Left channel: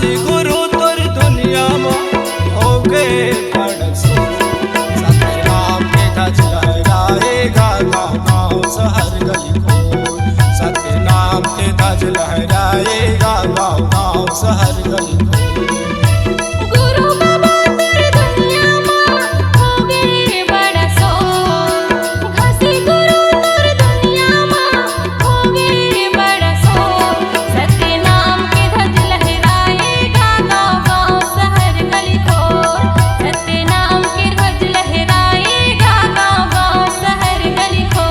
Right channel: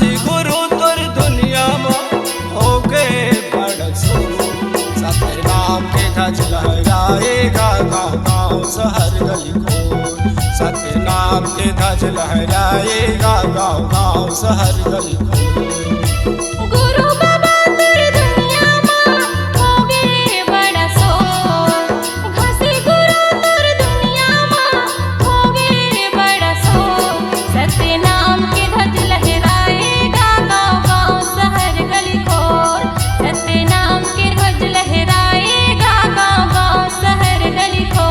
खासी गुरु तोर दुनिया में हो गए बड़सो। सतनाम के ध्वज लहराएगा गाँव गाँव शहर गली खोर। सतनाम के ध्वज लहराएगा गाँव गाँव शहर गली खोर। गुरु बाबा तोर दुनिया में हो गए बड़सो। खासी गुरु तोर दुनिया में हो गए बड़सो। सतनाम के ध्वज लहराएगा गाँव गाँव शहर गली खोर। सतनाम के ध्वज लहराएगा गाँव गाँव शहर गली खोर।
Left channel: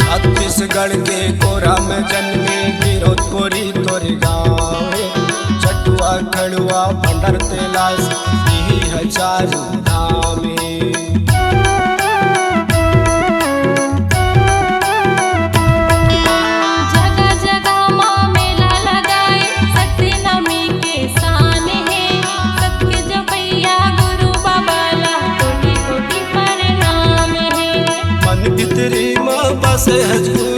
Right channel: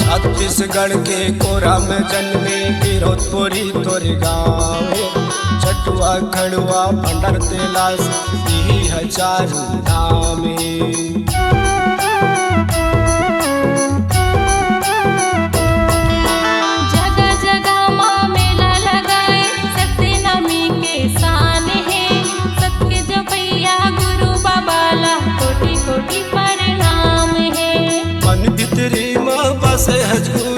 छत्तीसगढ़ के कोरा में जन्मे गिरोधपुरी तोरे गाँव। चटुआ खड़ुआ भंडर तेलास यही है चारू धाम। जगह जगह माँ मेला लगाए सतनामी के शान है। सत्य जपैया गुरु बाबा ला कोटि कोटि प्रणाम है। मन भितरी माँ बसे है गुरु,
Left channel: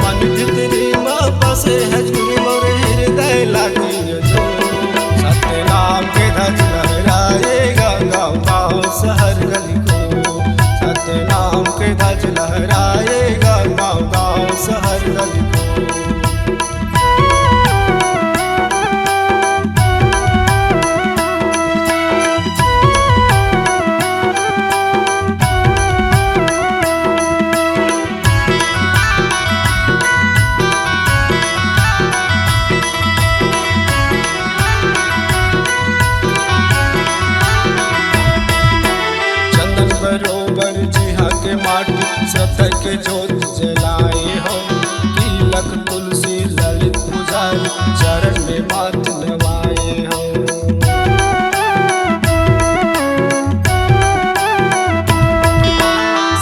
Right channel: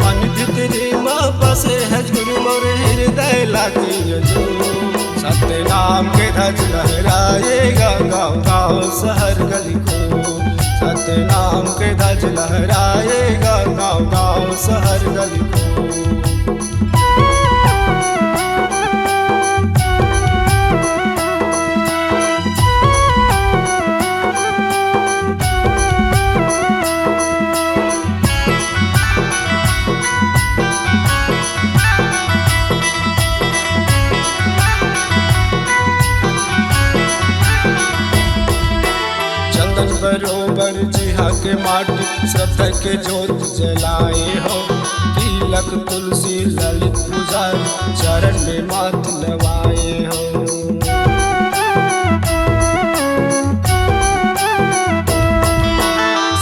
मन भितरी माँ बसे है गुरु मोर हृदय लागी जो। सतनाम के ध्वज लहराएगा गाँव गाँव शहर गली को। सतनाम के ध्वज लहराएगा गाँव गाँव शहर गली को। बरोबर जिहा के माटी श्रद्धा के जोत जलाए हो। तिलक तुलसी ललित पुजारी चरण में माथ नवाए हो।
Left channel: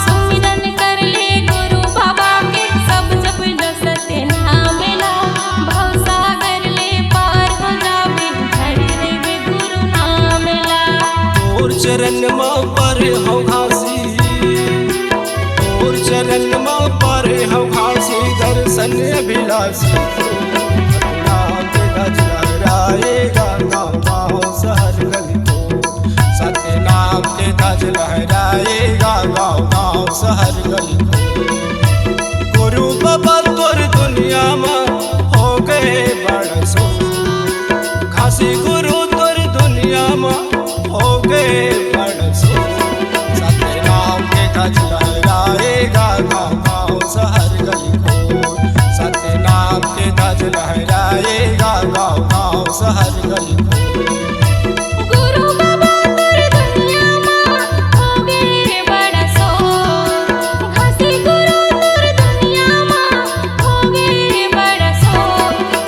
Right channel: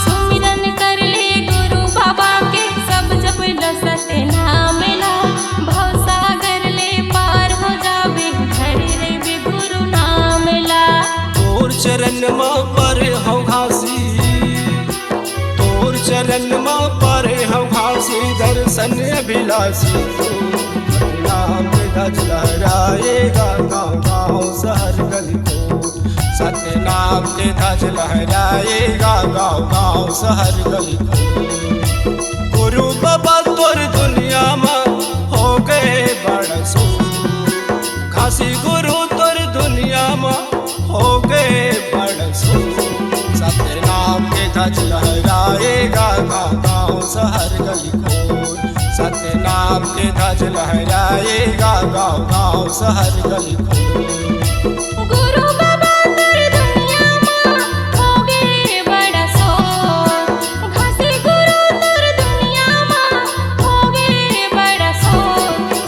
सुमिरन कर ले गुरु बाबा के सब जप लो सतनाम ला। भव सागर ले पार हो जाबे धरे रे गुरु नाम ला। तोर चरण माँ पर हूँ घासी, तोर चरण माँ पर हूँ घासी दर्शन अभिलाषी। सतनाम के ध्वज लहराएगा गाँव गाँव शहर गली को। सतनाम के ध्वज लहराएगा गाँव गाँव शहर गली को। गुरु बाबा तोर दुनिया में हो गए बड़सो। खासी गुरु तोर दुनिया में हो गए बड़सो। सतनाम के ध्वज लहराएगा गाँव गाँव शहर गली खोर। सतनाम के ध्वज लहराएगा गाँव गाँव शहर गली खोर। गुरु बाबा तोर दुनिया में हो गए बड़सो। खासी गुरु तोर दुनिया में हो गए बड़सो।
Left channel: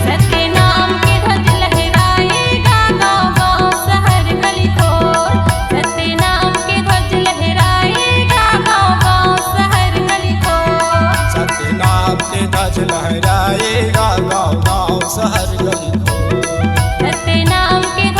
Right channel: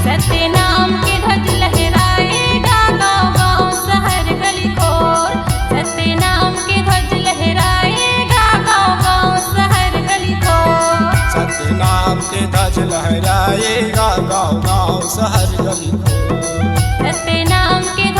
सतनाम के ध्वज लहराएगा गाँव गाँव शहर गली खोर। सतनाम के ध्वज लहराएगा गाँव गाँव शहर गली खोर। सतनाम के ध्वज लहराएगा गाँव गाँव शहर गली खोर। सतनाम के